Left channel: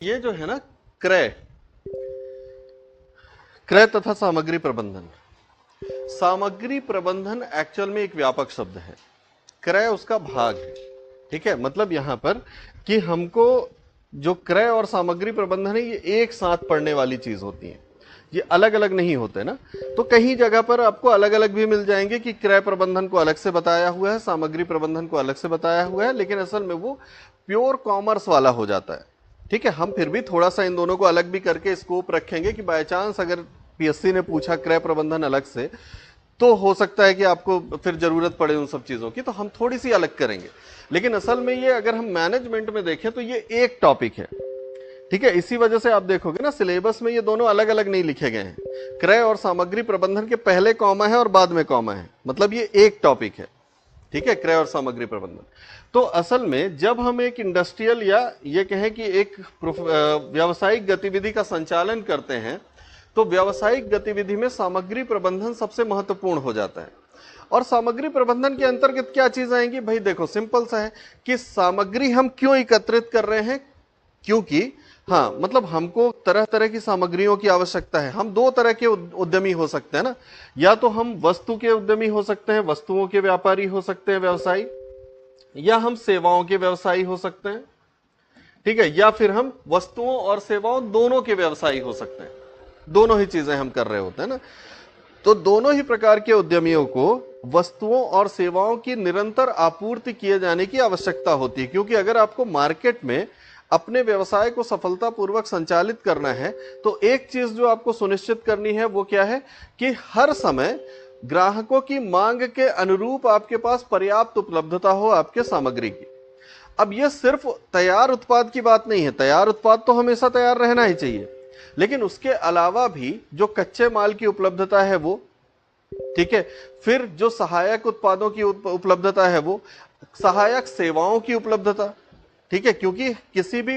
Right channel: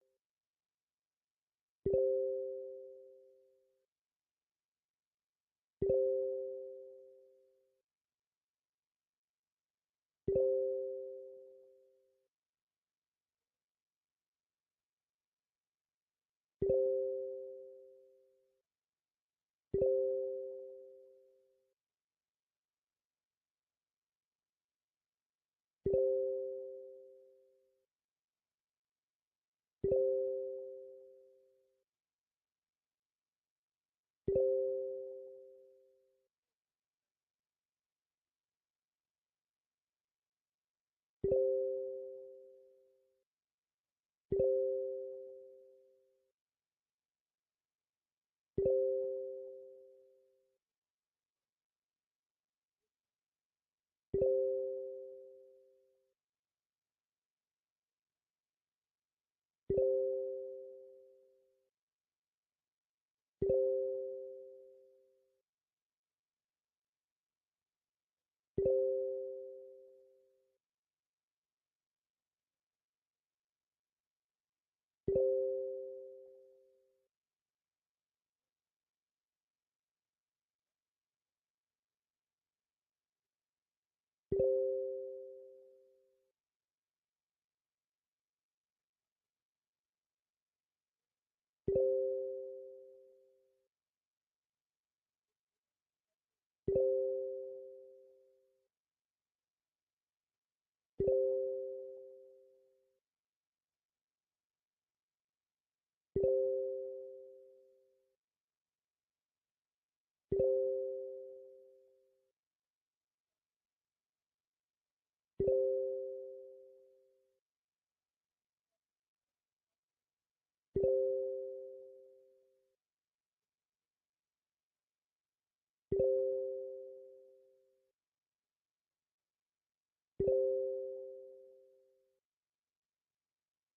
ये जो है ना, क्रय क्रय तथा सामग्री प्रबंधन। सामग्री प्रबंधन एक्चुअल में एक व्यापक शब्द है, क्रय उसका भाग है। ठीक है, मतलब यहां पर कि हमको जो क्रय और सामग्री प्रबंधन है ये एक साथ पढ़ने वाली चीज होती है, ये अलग अलग नहीं होते ना। तो कहीं जगह पर आपको अलग अलग भी मिल जाएंगे कि क्रय प्रबंधन को अलग से बताया हुआ है, सामग्री प्रबंधन को अलग से बताया हुआ है, लेकिन असल में वो प्योर कॉमर्स वाला हो जाता है। ठीक है, हम फिर भी थोड़ा सा इन दोनों को अलग भी करके स्कोप रखेंगे कि बाय चांस अगर पीएससी ने पूछा क्रय प्रबंधन अलग से, तो हो सकता है कि आपको फिर जरूरत पड़े उन सब चीजों की, तो हम थोड़ी सी अलग करेंगे। लेकिन असल में ये अगर हम मैनेजमेंट में देखें तो ये एक टॉपिक है। ठीक है, इसी वजह से आप देखोगे ना सिलेबस में ये दोनों अलग अलग नहीं लिखे गए हैं। क्रय और सामग्री प्रबंधन के पहले कॉमा है और बाद में कॉमा है, मतलब ये एक टॉपिक है। ठीक है, क्रय और सामग्री प्रबंधन। तो असल में जब हम एक इंडस्ट्रियल या ये कहें कि एक व्यावसायिक गतिविधि का संचालन करते हैं, तो व्यावसायिक गतिविधि में सामग्री प्रबंधन सबसे महत्वपूर्ण हो जाता है। और सामग्री प्रबंधन के अंतर्गत क्या चीज आएंगी भाई? देखो सिंपल सा है कि सामग्री हम क्यों एकत्रित कर रहे हैं, क्योंकि हाँ मतलब हमको तरह तरह की सामग्रियों की आवश्यकता है। हम दो तरह के उद्यमी हो सकते हैं ना, या तो हम वस्तु के उद्यमी हो सकते हैं, वस्तुओं के व्यापारी हो सकते हैं व्यवसायी, या हम सेवाओं के व्यवसायी हो सकते हैं। ठीक है, या फिर हम वस्तुओं और सेवाओं दोनों के व्यवसायी हो सकते हैं। दोनों ही चीजें हम कर रहे होते हैं ना। तो दोनों ही प्रकार के उद्यमियों को वस्तुओं और सेवाओं की निरंतर आपूर्ति किए जाने की आवश्यकता होती है, क्योंकि अगर आपको मार्केट में अपने व्यवसाय को सफलतापूर्वक संचालित करना है, तो एक चीज जो आपको सुनिश्चित करनी है वो क्या है कि हर समय ग्राहकों की मांग के अनुरूप आपके पास पर्याप्त उपलब्धता हो आपके सामग्री की। अब यह सिर्फ तैयार उत्पाद की बात नहीं है, तैयार उत्पाद तो हमेशा तैयार रहना ही चाहिए, लेकिन उसके अलावा भी जो कच्चे माल की उपलब्धता है वो, ठीक है, फिर जो सहायक उत्पादों की उपलब्धता है वो, सहायक सेवाओं की उपलब्धता। ठीक है, क्योंकि किसी भी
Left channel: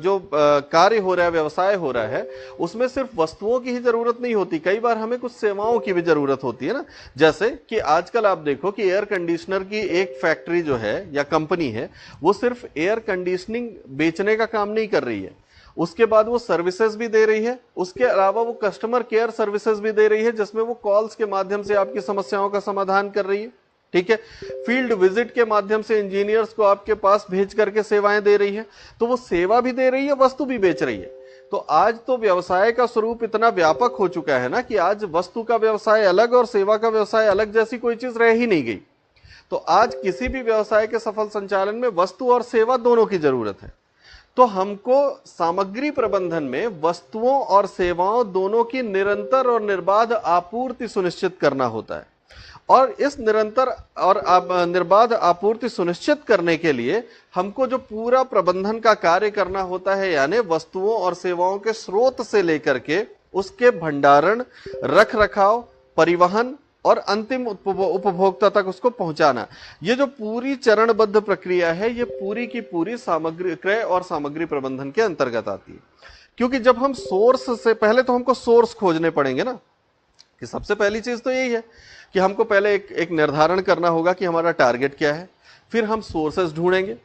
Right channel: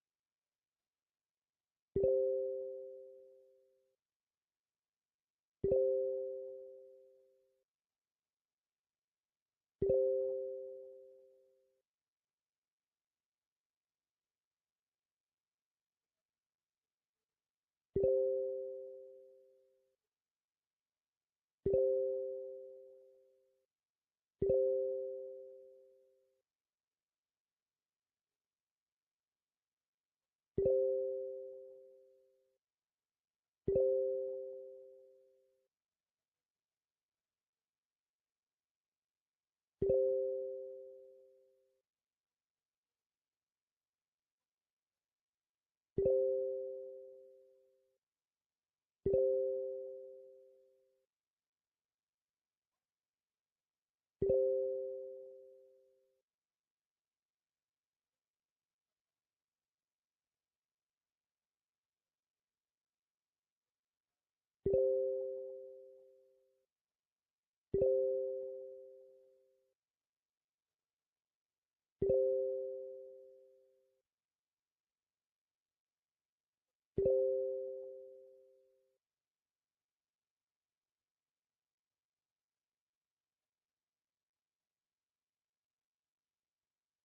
जो कार्य हो रहा है, व्यवसाय हो रहा है, उसमें सिर्फ वस्तुओं की ही जरूरत नहीं होती, कई बार हमें कुछ सेवाओं की भी जरूरत होती है ना। जैसे कि आजकल आप देखो कि एयर कंडीशनर की एक फैक्ट्री जो है या कंपनी है, वो सिर्फ एयर कंडीशनिंग बेचने का काम नहीं कर रही है, उसके बाद वो सर्विसेज भी दे रही है, उसके अलावा वो कस्टमर केयर सर्विसेज भी दे रही है, जिसमें वो कॉल्स के माध्यम से आपकी समस्याओं का समाधान कर रही है। ठीक है, फील्ड विजिट के माध्यम से इंजीनियर्स को आपके पास भेज करके सेवाएं दे रही है। तो वो सेवा भी दे रही है, वस्तु भी बेच रही है। तो आज तो व्यवसाय का स्वरूप इतना व्यापक हो चुका है ना कि आज वस्तु का व्यवसाय अलग और सेवा का व्यवसाय अलग जैसी कोई चीज रह ही नहीं गई। तो आज किसी भी व्यवसाय के सफल संचालन में वस्तु और सेवा दोनों की जरूरत है। तो हमको सामग्री प्रबंधन में वस्तुओं और सेवाओं दोनों की निरंतर और निर्बाध आपूर्ति सुनिश्चित करना होता है। और इस निरंतर और निर्बाध आपूर्ति सुनिश्चित करने के लिए हमको जो पूरा प्रबंधन का कार्य करना होता है, यानी वस्तुओं और सेवाओं के स्रोत से लेकर के उसके भंडारण, रख रखाव, परिवहन और अंतिम उपभोक्ता तक उसको पहुंचाना, ये जो पूरी चरणबद्ध प्रक्रिया है, ये पूरी की पूरी सामग्री क्रय और सामग्री प्रबंधन के अंतर्गत आती है। क्योंकि जब हम सोर्स से, पहले तो हमको सोर्स खोजने पड़ेंगे ना, कि सबसे पहली चीज तो यही है कि हमको पहले एक निर्धारण करना होगा कि हमारा टारगेट क्या है। फिर हम सोर्सेस ढूंढेंगे,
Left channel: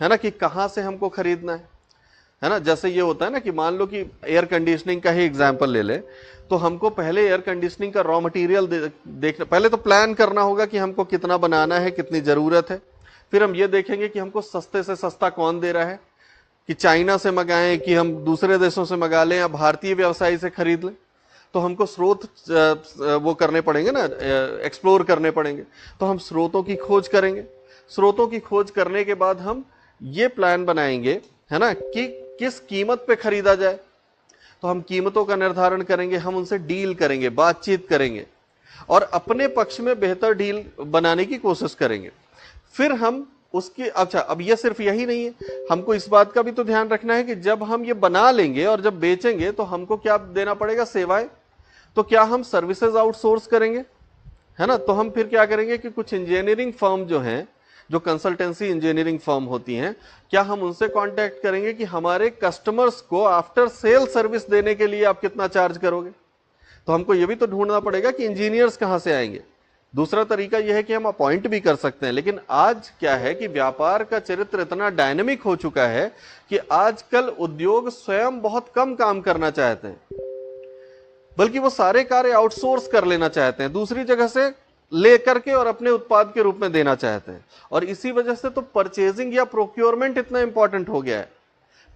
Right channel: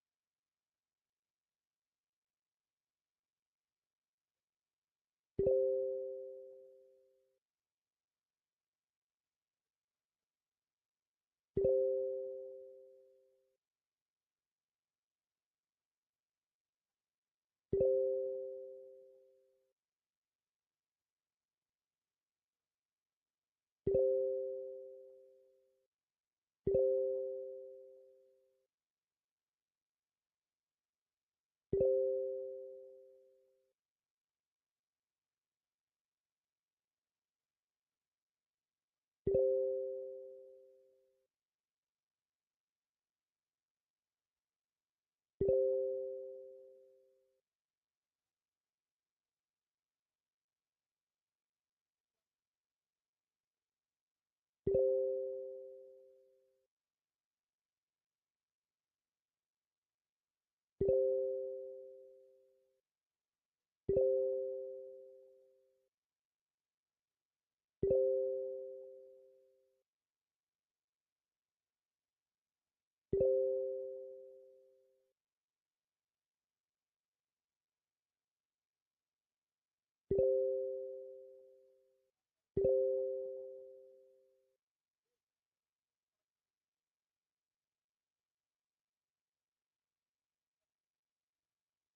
है ना, कि कहां से हमको खरीदना है ना। जैसे ये होता है ना कि मान लो कि एयर कंडीशनिंग का ही एग्जांपल ले ले, तो हमको पहले एयर कंडीशनिंग का रॉ मटेरियल देखना, पहले तो प्लान करना होगा कि हमको कितना बनाना है, कितनी जरूरत है। फिर हम ये देखेंगे कि हमको सस्ते से सस्ता कौन दे रहा है, कि चाइना से मंगाएं कि हम दूसरे देशों से मंगा लें या भारतीय व्यवसायी से खरीद लें। तो हमको स्रोत वो करने पड़ेंगे ना, एक्सप्लोर करने पड़ेंगे। तो हम स्रोतों की खोज करेंगे। स्रोतों की खोज करने के बाद हम ये प्लान बनाएंगे, है ना, कि किस कीमत पे खरीदा जाए। तो हम कीमतों का निर्धारण करेंगे, हम उनसे डील करेंगे, बातचीत करेंगे और अपने पक्ष में बेहतर डील बनाने की कोशिश करेंगे। फिर हम उसकी, अच्छा अब ये सिर्फ यही नहीं है, हमको इस बात का भी तो ध्यान रखना है कि जब हम ये बना लेंगे और जब बेचेंगे तो हमको क्या देना पड़ेगा? सेवाएं। तो क्या हम सर्विसेज आउटसोर्स करेंगे, है ना? तो हम फिर क्या करेंगे कि कुछ इंजीनियरिंग फर्म जो हैं, जो कंसल्टेंसी इंजीनियरिंग फर्म होती हैं, क्या हम उनसे कांटेक्ट करेंगे कि हमारे कस्टमर्स को आफ्टर सेल सर्विस देने के लिए आप कितना चार्ज करोगे। तो हमको ये भी तो ढूंढना पड़ेगा कि इंजीनियर्स कहां से आएंगे, दूसरा तरीका यह है कि हम अपॉइंट भी कर सकते हैं, लेकिन आज क्या है कि व्यापार का चरित्र इतना डायनेमिक हो चुका है कि आजकल उद्योग स्वयं बहुत कम काम करना चाहते हैं, बल्कि वो सारे कार्य आउटसोर्स कर लेना चाहते हैं, दूसरी जगह से ले करके और अपने उत्पाद के रूप में देना चाहते हैं। और इसी वजह से तो परचेजिंग या प्रोक्योरमेंट इतना इंपॉर्टेंट हो गया है।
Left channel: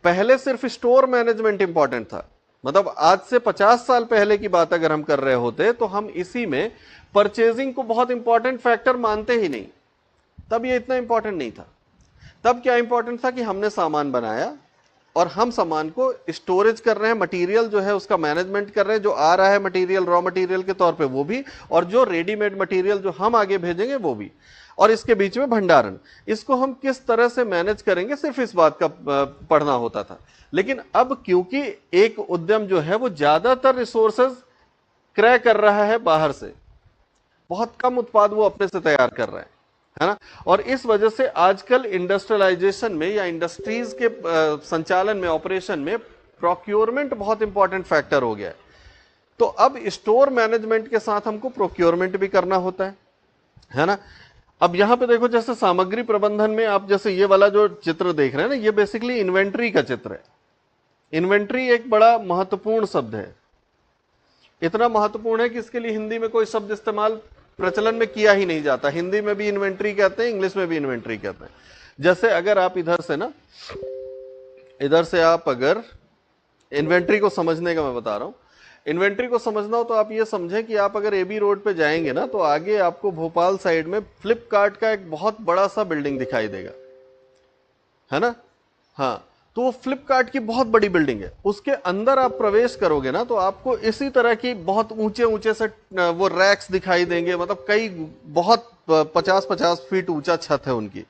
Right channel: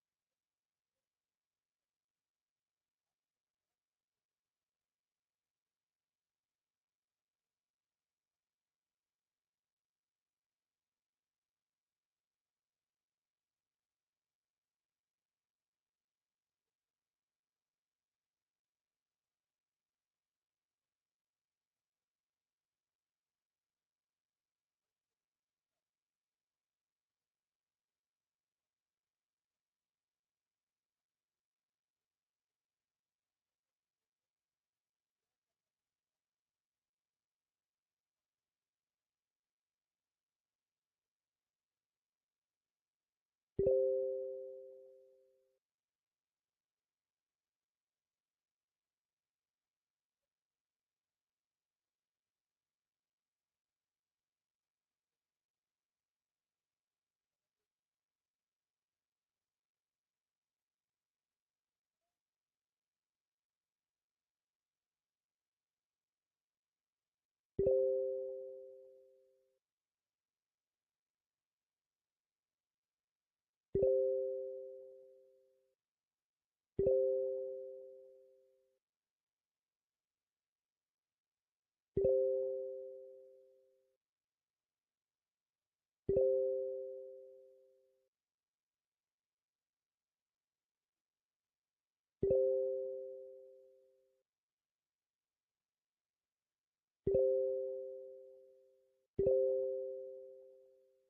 पहले सिर्फ स्टोर मैनेजमेंट इंपॉर्टेंट था, मतलब आज से 50 साल पहले की बात अगर हम कर रहे होते तो हम इसी में परचेजिंग को बहुत इंपॉर्टेंट फैक्टर मानते ही नहीं। तब ये इतना इंपॉर्टेंट नहीं था। तब क्या इंपॉर्टेंट था कि हमने सामान बनाया और हम सामान को स्टोरेज कर रहे हैं, मटेरियल जो है उसका मैनेजमेंट कर रहे हैं, जो आ रहा है मटेरियल रॉ मटेरियल के तौर पे वो भी, और जो रेडीमेड मटेरियल जो हम आगे भेजेंगे वो भी, और इसके बीच में भंडारण। इसको हम किस तरह से मैनेज करेंगे सिर्फ इस बात का पढ़ना होता था। लेकिन अब क्योंकि एक उद्यम जो है वो ज्यादातर रिसोर्सेज क्रय कर रहा है बाहर से, बहुत कम उत्पाद वो अपने से तैयार कर रहा है ना, और इस वजह से आजकल इंडस्ट्रियलाइजेशन में या इंडस्ट्रीज के संचालन में, ऑपरेशन में प्रोक्योरमेंट बहुत इंपॉर्टेंट फैक्टर हो गया है। तो अब स्टोर मैनेजमेंट के साथ हमको प्रोक्योरमेंट भी करना होता है ना। अब यहां पे देखो, जैसे सामग्री प्रबंधन में आप जैसे ये वाला जो चित्र देख रहे हैं ना, ये बेसिकली इन्वेंट्री का चित्र है। इन्वेंट्री एक बड़ा महत्वपूर्ण शब्द है, इतना महत्वपूर्ण है कि इसके लिए हिंदी में कोई शब्द इस्तेमाल प्रचलन में किया ही नहीं जाता। हिंदी में भी इन्वेंट्री कहते हैं, इंग्लिश में भी इन्वेंट्री कहते हैं। जैसे अगर आप इधर से आप अगर इन्वेंट्री को समझने का मैं बता रहा हूं, इन्वेंट्री को समझना हो तो आप ये समझें कि आप अगर एबी रोड पे जाएंगे ना, तो आगे आपको भोपाल साइड में फ्लिपकार्ट का एक बहुत बड़ा सा बिल्डिंग दिखाई देगा, है ना। हाँ, तो वो फ्लिपकार्ट की बहुत बड़ी बिल्डिंग है। उसके अंदर आप प्रवेश करोगे ना, तो आपको इसी तरह की बहुत ऊंचे ऊंचे से वो रैक्स दिखाई देंगे, मतलब कई बहुत 50-50 फीट ऊंचा छत है उनकी।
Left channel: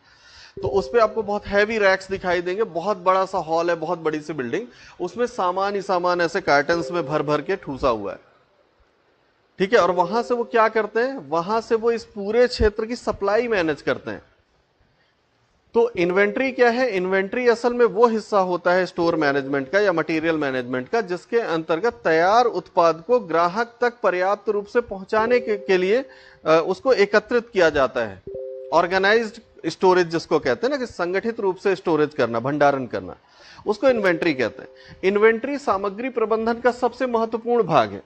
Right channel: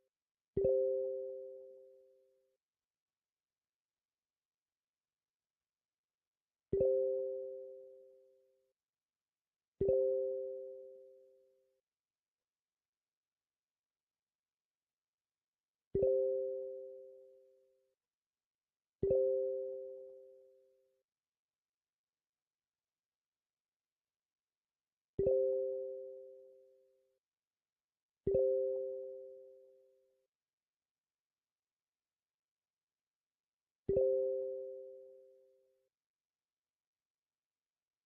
तो उस पे आपको बहुत हैवी रैक्स दिखाई देंगे, बहुत बड़ा सा हॉल है, बहुत बड़ी सी बिल्डिंग, उसमें सामान ही सामान ऐसे कार्टन्स में भर भर के ठूसा हुआ है, ठीक है। और वहां से वो क्या करते हैं, वहां से वो इस पूरे क्षेत्र की सप्लाई मैनेज करते हैं। तो इन्वेंट्री क्या है, इन्वेंट्री असल में वो हिस्सा होता है स्टोर मैनेजमेंट का या मटेरियल मैनेजमेंट का, जिसके अंतर्गत तैयार उत्पाद को ग्राहक तक पर्याप्त रूप से पहुंचाने के लिए उसको एकत्रित किया जाता है। ऑर्गेनाइज्ड स्टोरेज जिसको कहते हैं ना, कि संगठित रूप से स्टोरेज करना, भंडारण करना, उसको इन्वेंट्री कहते हैं। इन्वेंट्री सामग्री प्रबंधन का सबसे महत्वपूर्ण भाग है,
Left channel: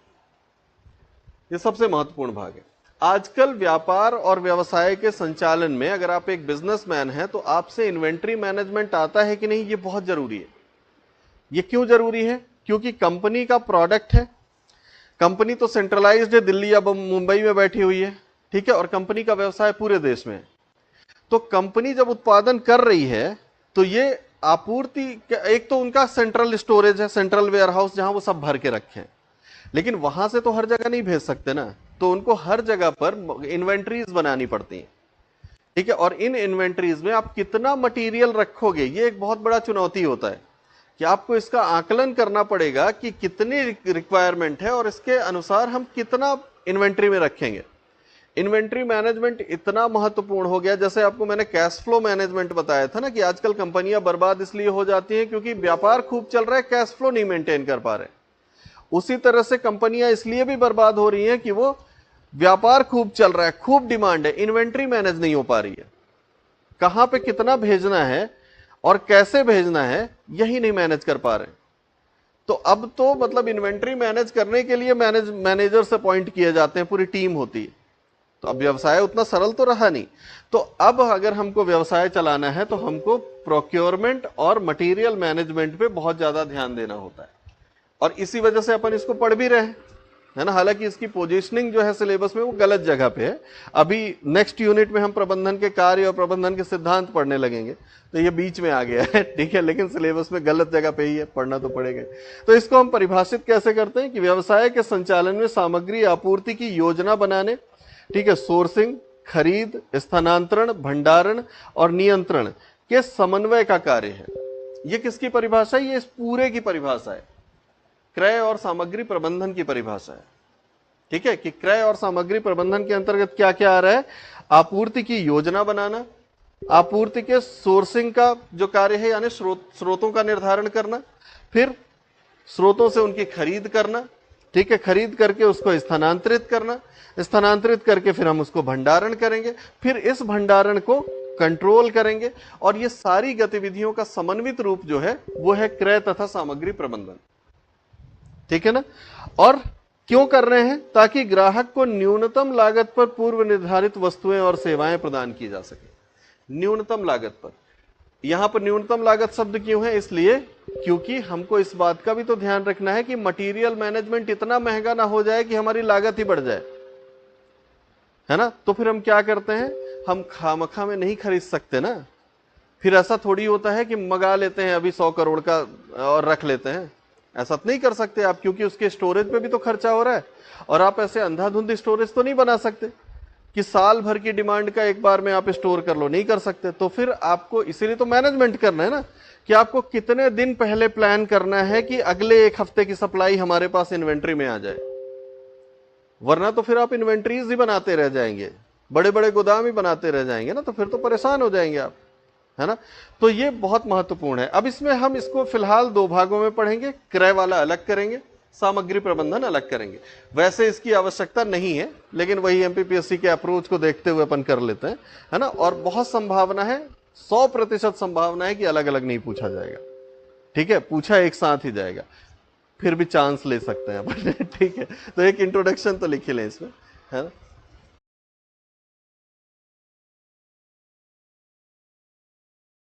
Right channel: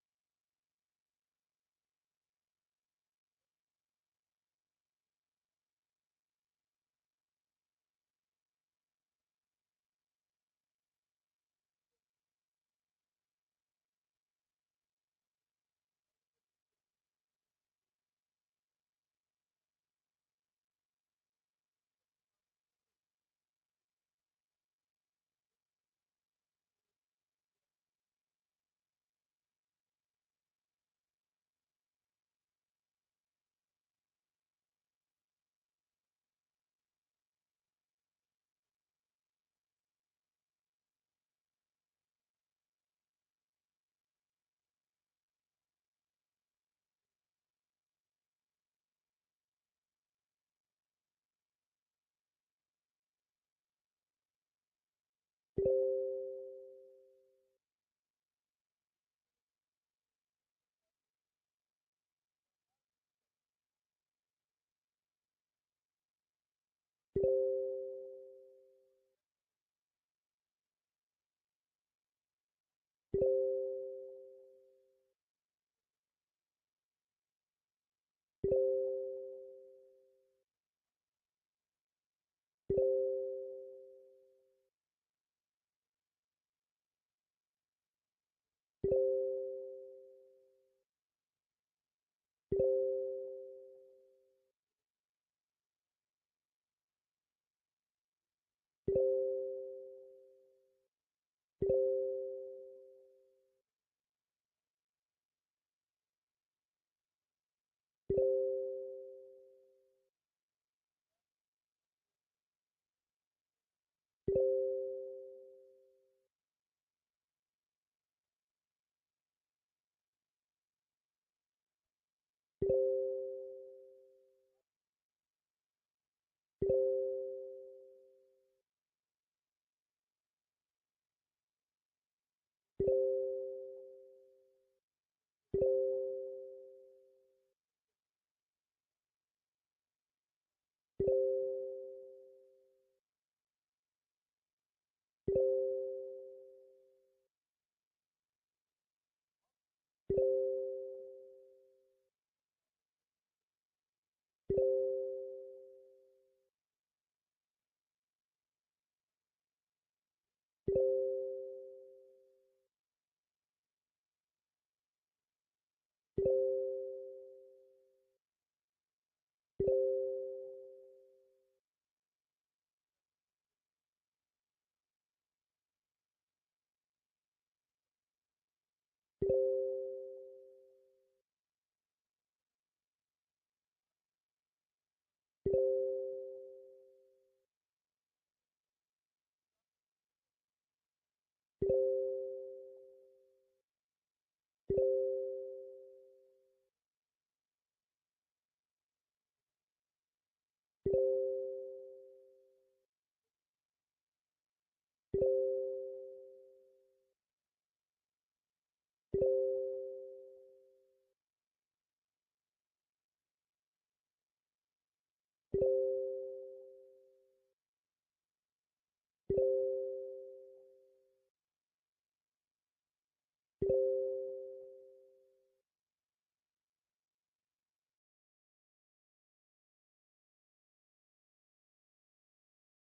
ये सबसे महत्वपूर्ण भाग है। आजकल व्यापार और व्यवसाय के संचालन में अगर आप एक बिजनेसमैन हैं तो आपसे इन्वेंट्री मैनेजमेंट आता है कि नहीं, ये बहुत जरूरी है। ये क्यों जरूरी है, क्योंकि कंपनी का प्रोडक्ट है, कंपनी तो सेंट्रलाइज्ड है, दिल्ली या मुंबई में बैठी हुई है, ठीक है, और कंपनी का व्यवसाय पूरे देश में है। तो कंपनी जब उत्पादन कर रही है तो ये आपूर्ति, एक तो उनका सेंट्रल स्टोरेज है, सेंट्रल वेयर हाउस, जहां वो सब भर के रखे हैं, लेकिन वहां से तो हर जगह नहीं भेज सकते ना, तो उनको हर जगह पर इन्वेंट्रीज बनानी पड़ती हैं, ठीक है। और इन इन्वेंट्रीज में आप कितना मटेरियल रखोगे, ये एक बहुत बड़ा चुनौती होता है कि आपको इसका आकलन करना पड़ेगा कि कितनी रिक्वायरमेंट है और इसके अनुसार हम कितना इन्वेंट्री में रखेंगे। इन्वेंट्री मैनेजमेंट इतना महत्वपूर्ण हो गया, जैसे आपको मैंने कैश फ्लो मैनेजमेंट बताया था ना, कि आजकल कंपनियां बर्बाद इसलिए हो जाती हैं क्योंकि व्यापार खूब चल रहा है, कैश फ्लो नहीं मेंटेन कर पा रहे। उसी तरह से कंपनियां इसलिए भी बर्बाद हो रही हैं कि वो व्यापार खूब चल रहा है, खूब डिमांड है, इन्वेंट्री मैनेज नहीं हो पा रही है, कहां पे कितना भेजना है और कैसे भेजना है यही नहीं मैनेज कर पा रहे। तो अब तो मतलब इन्वेंट्री मैनेज करने के लिए मैनेजर्स अपॉइंट किए जाते हैं, पूरी टीम होती है। तो अब व्यवसाय उतना सरल तो रहा नहीं। तो अब अगर हमको व्यवसाय चलाना है तो हमको प्रोक्योरमेंट और मटेरियल मैनेजमेंट पे बहुत ज्यादा ध्यान देना होता है, और इसी वजह से अपन इसको पढ़ भी रहे हैं, है ना। हालांकि इसकी पोजीशनिंग जो है सिलेबस में वो गलत जगह पे है। अभी नेक्स्ट यूनिट में हम प्रबंधन के कार्य और प्रबंधन के सिद्धांत पढ़ने लगेंगे, तो ये बीच में आ गया है, ठीक है, लेकिन सिलेबस में गलत जगह पे ही है, पढ़ना तो पड़ेगा। तो इसको हम परिभाषित कैसे करते हैं कि व्यवसाय के संचालन में सामग्री आपूर्ति की योजना बनाने, ठीक है, सोर्सिंग, खरीद, स्थानांतरण, भंडारण और नियंत्रण के समन्वय का कार्य है। ये किसकी परिभाषा है, ये इस पूरे की परिभाषा है, क्रय और सामग्री प्रबंधन की परिभाषा है, ठीक है। कि क्रय और सामग्री प्रबंधन के अंतर्गत क्या क्या आ रहा है, आपूर्ति की योजना बनाना, आपूर्ति के सोर्सिंग का जो कार्य है, यानी स्रोतों का निर्धारण करना, फिर स्रोतों से उनकी खरीद करना, ठीक है, खरीद करके उसको स्थानांतरित करना, स्थानांतरित करके फिर हम उसको भंडारण करेंगे, फिर इस भंडारण को कंट्रोल करेंगे, और ये सारी गतिविधियों का समन्वित रूप जो है वो है क्रय तथा सामग्री प्रबंधन। ठीक है ना। और क्यों कर रहे हैं? ताकि ग्राहक को न्यूनतम लागत पर पूर्व निर्धारित वस्तुएं और सेवाएं प्रदान की जा सके। न्यूनतम लागत पर, यहां पर न्यूनतम लागत शब्द क्यों है? इसलिए क्योंकि हमको इस बात का भी तो ध्यान रखना है कि मटेरियल मैनेजमेंट इतना महंगा ना हो जाए कि हमारी लागत ही बढ़ जाए, है ना। तो फिर हम क्या करते हैं, हम खामखा में नहीं खरीद सकते ना। फिर ऐसा थोड़ी होता है कि मंगा लेते हैं अभी 100 करोड़ का और रख लेते हैं, ऐसा तो नहीं कर सकते आप, क्योंकि उसके स्टोरेज पे भी तो खर्चा हो रहा है। और आप ऐसे अंधाधुंध स्टोरेज तो नहीं बना सकते कि साल भर की डिमांड का एक बार में आप स्टोर कर लो, नहीं कर सकते। तो फिर आपको इसीलिए तो मैनेजमेंट करना है ना, कि आपको कितने दिन पहले प्लान करना है कि अगले एक हफ्ते की सप्लाई हमारे पास इन्वेंट्री में आ जाए, वरना तो फिर आप इन्वेंट्रीज ही बनाते रह जाएंगे, बड़े बड़े गोदाम ही बनाते रह जाएंगे ना, तो फिर तो परेशान हो जाएंगे आप, है ना। तो ये बहुत महत्वपूर्ण है। अब इसमें हम इसको फिलहाल दो भागों में पढ़ेंगे, क्रय वाला अलग करेंगे, सामग्री प्रबंधन अलग करेंगे। वैसे इसकी आवश्यकता नहीं है, लेकिन वही एमपीपीएससी के अप्रोच को देखते हुए अपन कर लेते हैं, है ना। और बहुत संभावना है, 100% संभावना है कि अलग अलग नहीं पूछा जाएगा। ठीक है, पूछा एक साथ ही जाएगा, फिर भी चांस ले सकते हैं अपन ठीक है, तो एक इंट्रोडक्शन तो लिख ही लें इसमें, है ना।